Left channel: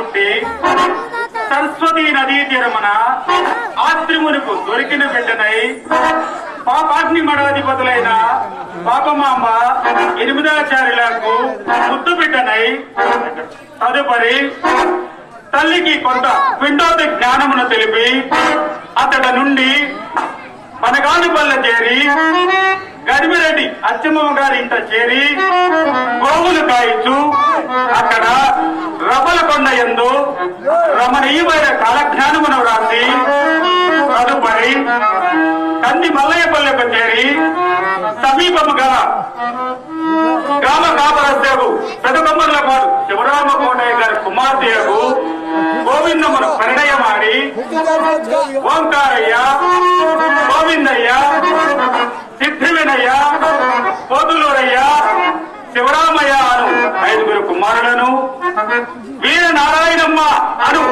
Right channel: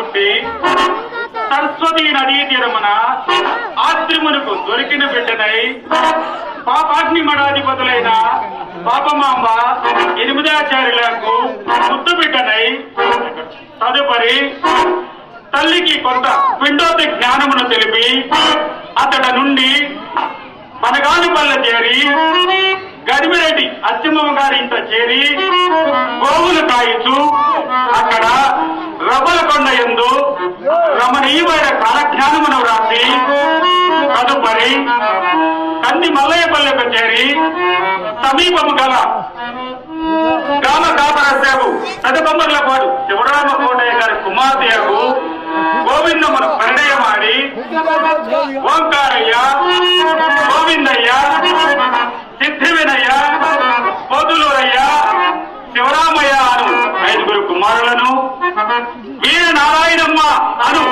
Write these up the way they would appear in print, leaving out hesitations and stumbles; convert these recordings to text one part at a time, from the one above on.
పుట్టి సరస్వతి నదీ తీరమున ఆత్రిమునకు దొరికిన బిడ్డనై పాపాగ్ని మఠాధిపతులైన పాపమాంబ ఎనిమిదాచార్యులకు ముద్దు బిడ్డనై తదుపరి తల్లికి కొంత పిండోత జ్ఞానమును తెలిపి అతడ నుండి మనగానిపల్లె చేరి గదిమిరెడ్డి అచ్చమ్మ గారి ఇంట చేరి గోవులు కాయిచు అక్కడ రబ్బలకొండ యందు రమణీయమైన కాలజ్ఞానమును రాసి తదుపరి కంది మల్లయ్యపల్లెకు చేరి సమీపము గల గ్రామ కాపరసేవు పెదకొమ్మర్లపాడు శివరామ కోటయ్య గారి కుమార్తెకు గోవిందమును పరిణయమాడి ఓంకారయ్య, గోవిందయ్య, సిద్ధివినయ్య, పోతులూరయ్య, శివరామయ్య అను 5 కుమారులను, వీర నారాయణమ్మ అను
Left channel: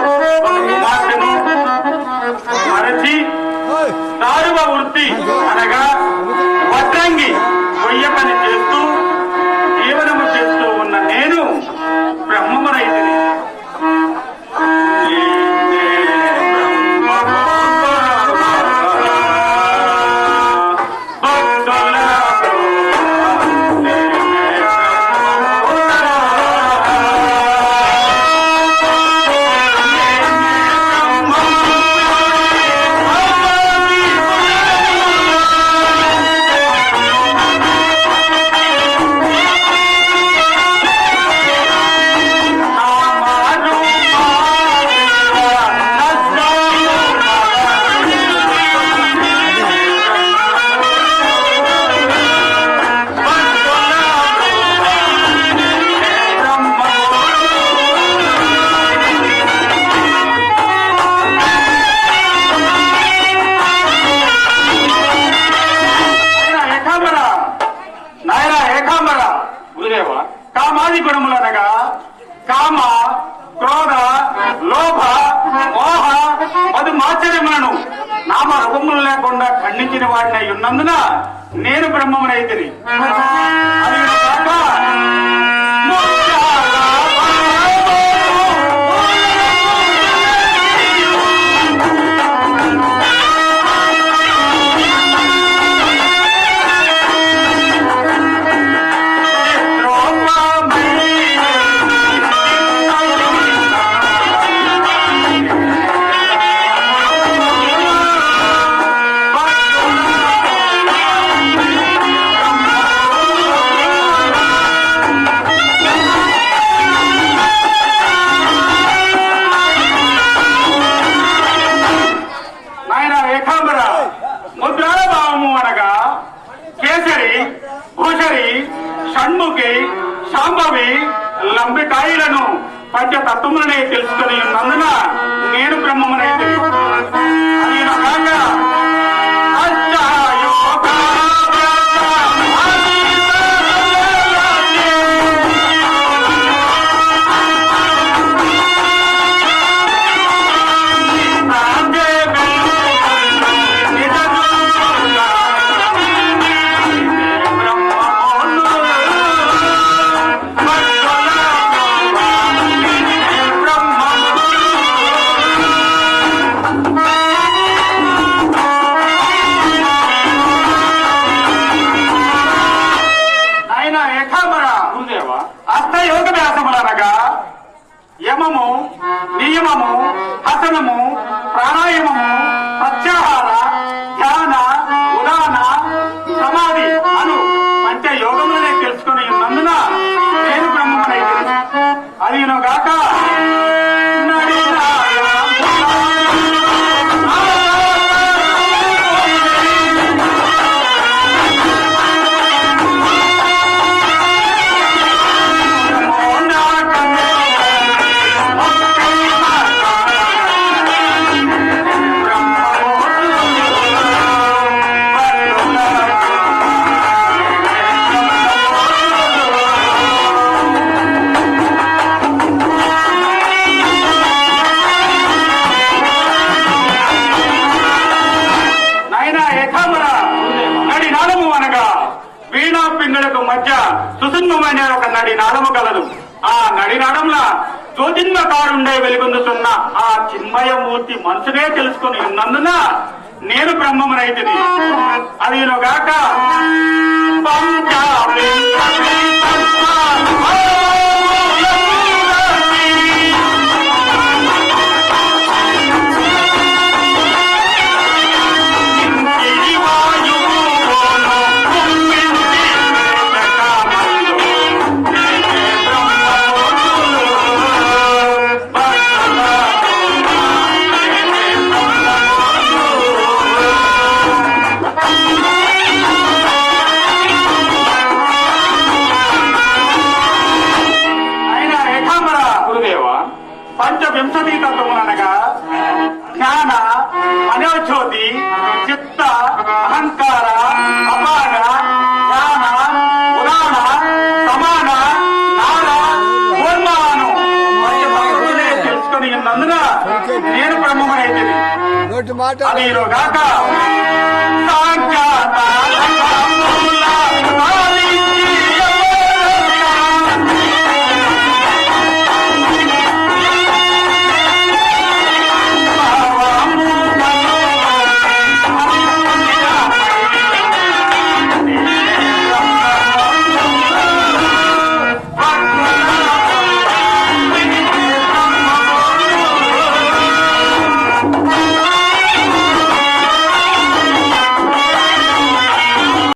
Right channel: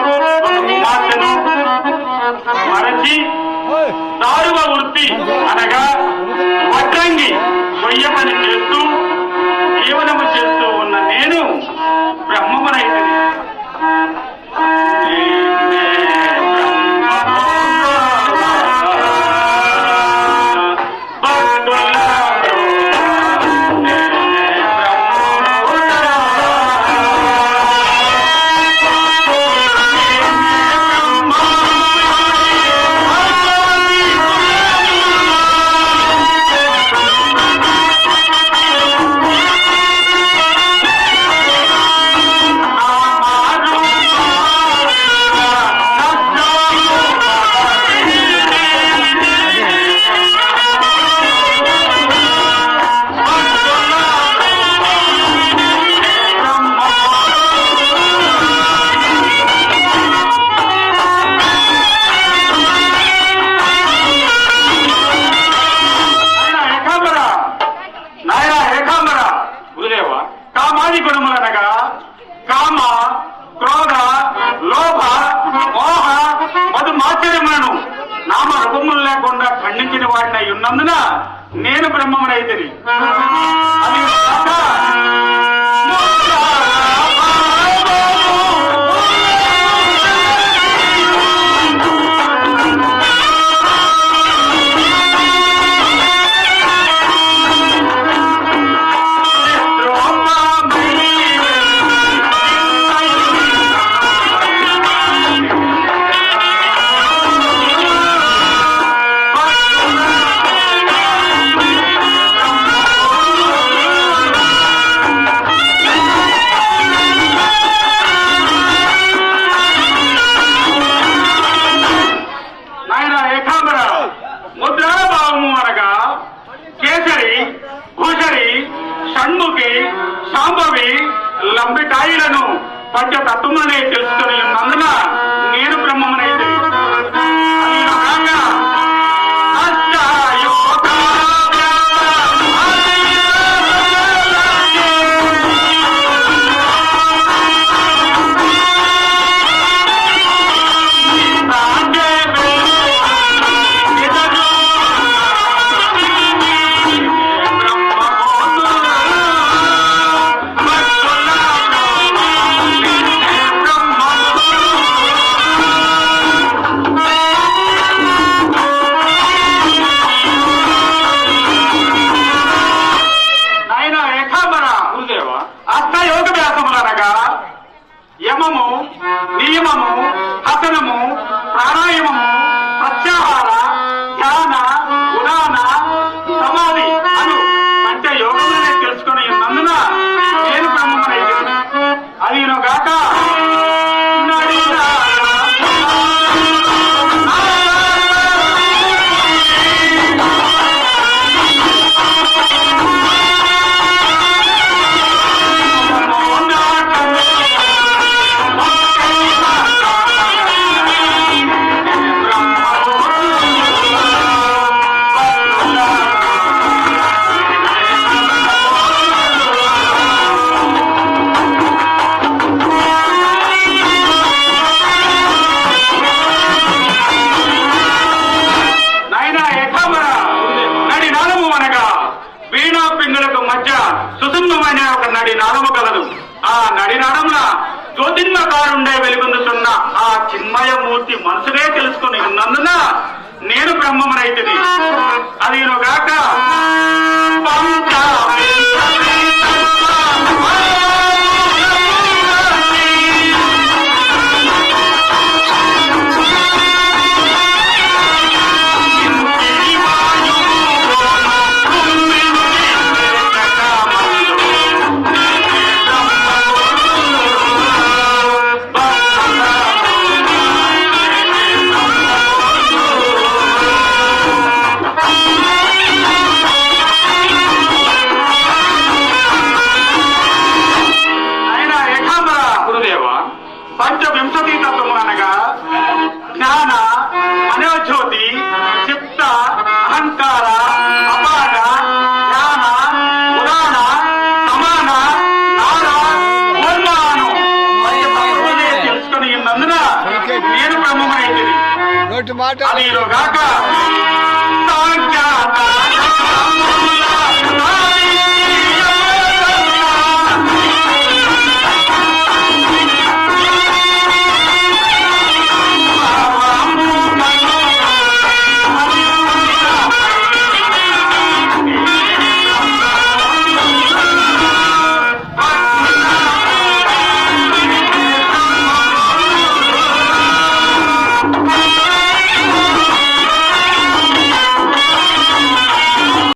కుమార్తెను మరచి నాలుగవ వృత్తి అనగా వడ్రంగి కొయ్యకని చేస్తూ జీవనము చేస్తూ ఉన్న నేను బ్రహ్మమునైతిని. కామాది గుణములనగా కామ, క్రోధ, లోభ, మోహ, మధు మాచర్యములను నామ రూపములు లేకుండా ఖండించిన వాడినై ఉన్నందున నేను బ్రహ్మమునైతిని. అది కాక ముద్రాభావము అనగా కేసరి, భూషరి, షణ్ముఖి, శాంభవి, లంబికాయిలను పంచతత్వములనే తెలుసుకుని ఉన్నందున నేను బ్రహ్మమునైతే. అష్టయోగవ్యాసములనగా యమము, నియమము, హసనము, ప్రాణాయామము, ప్రత్యాహార, ధ్యాన, ఉదాన, సమాధి అను పంచయోగములనే తెలుసుకుని ఉన్నందున నేను బ్రహ్మమునైతిని. అదిగాక వీణా పింగళకు మధ్య సుదుర్మమైన ఒక నడి నాళము కలదు. ఆ నడి నడమున జ్యోతిర్మకారుండే వెలుగొందుతున్న ఆ చిన్మయమూర్తి మనసునే తెలుసుకుని ఉన్నందున నేను బ్రహ్మమునైతిని. అదిగాక పంచవింశతి తత్వము అనగా జ్ఞాన, మనోజ్యోతి, చిత్త, అహంకార, అపాగ, జ్ఞాన, పురాణ, సమాన, నార, పూర్ణాను తెలుసుకుని ఉన్నందున నేను బ్రహ్మమైంది. అదిగాక సాంఖ్యాత